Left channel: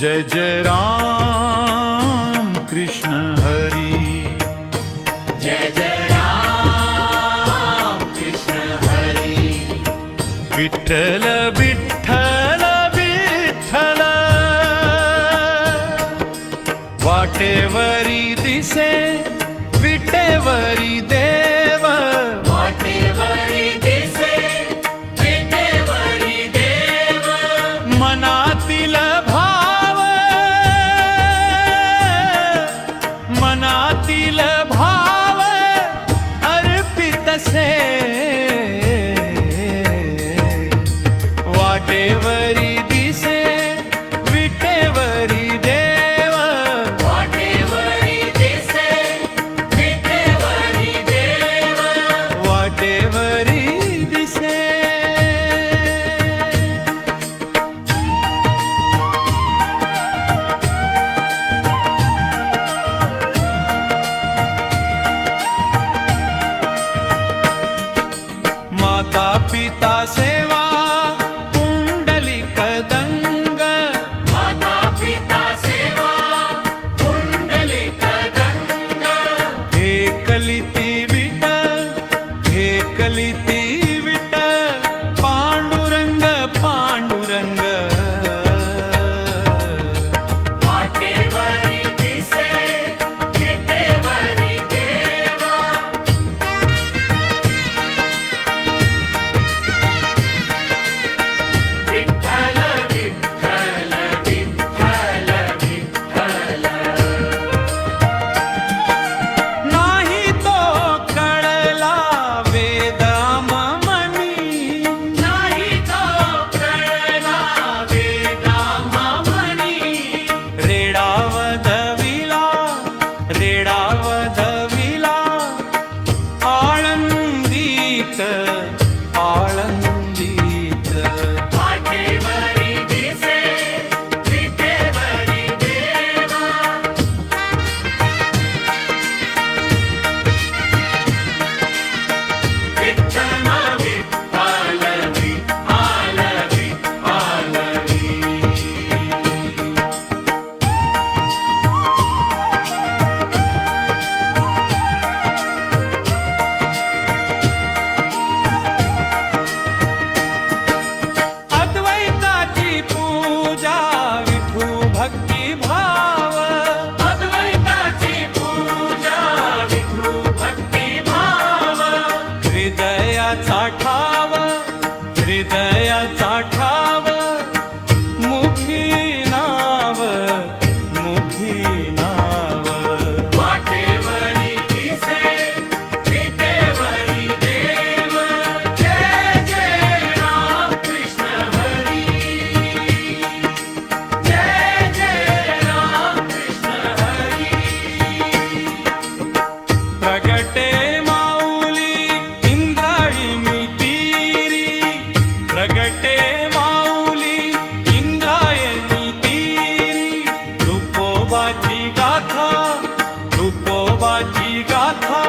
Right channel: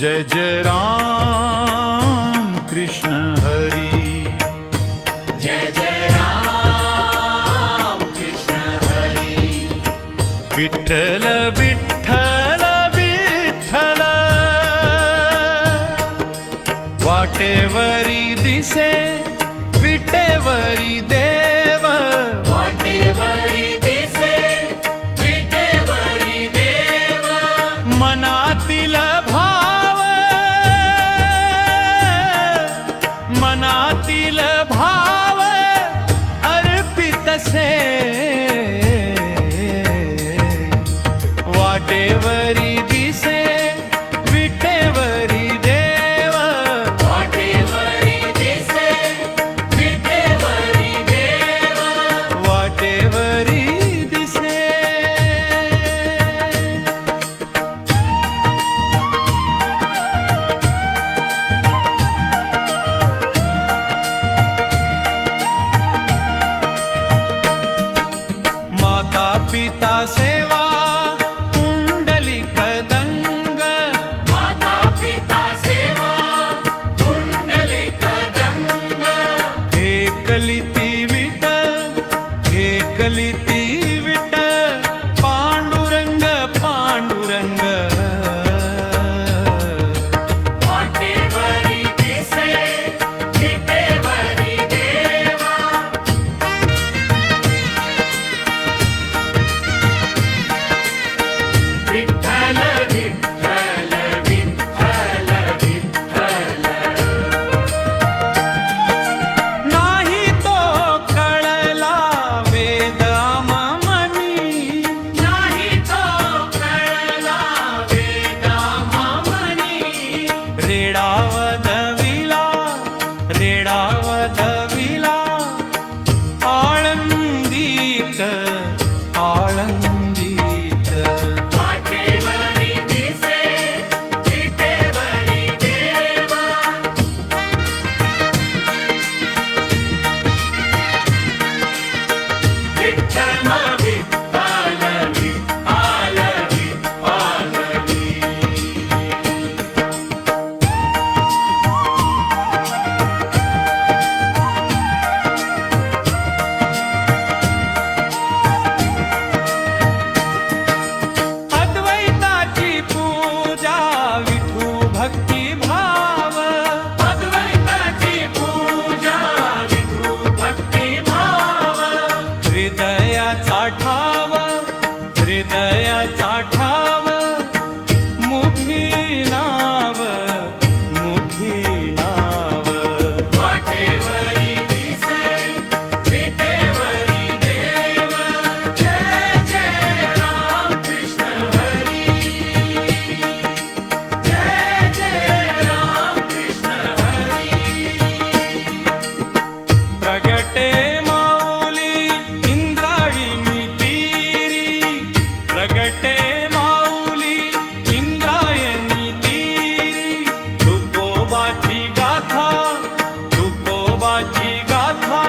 जय जय राम कृष्ण हरी, जय जय राम कृष्ण हरी। विठ्ठल विठ्ठल विठ्ठल, वाटेवरी दिसे विटेवरी देव, वाटेवरी दिसे विटेवरी देव। मनातील भाव, मनातील भाव अर्पितसे, वाटेवरी दिसे विटेवरी देव, वाटेवरी दिसे विटेवरी देव। वाटेवरी दिसे। माता पिता सेवा पुंडलिक दंग, माता पिता सेवा पुंडलिक दंग। हे कलिती विट, हे कलिती विट, पांडुरंग पांडुरंग, वाटेवरी दिसे विटेवरी देव। विठ्ठल विठ्ठल विठ्ठल विठ्ठल। नाही तो कळला वेद आममनी, नाही तो कळला वेदाममनी। रेडावधविला, रेडावधविला, आळंदीत आळंदीत, वाटेवरी दिसे विटेवरी देव। विठ्ठल विठ्ठल विठ्ठल विठ्ठल। अद्वैताची पूजा विठू भक्ती भाव, अद्वैताची पूजा विठू भक्ती भाव। हृदयाचा ठाव, हृदयाचा ठाव, मुखी नाव, मुखी नाव, वाटेवरी दिसे विटेवरी देव। जय जय राम कृष्ण हरी, जय जय राम कृष्ण हरी। प्रगटे माऊली इंद्राळी मितीरी, प्रगटे माऊली इंद्रायणी तीरी, तुकोबाची गाथा, तुकोबाची गाथा,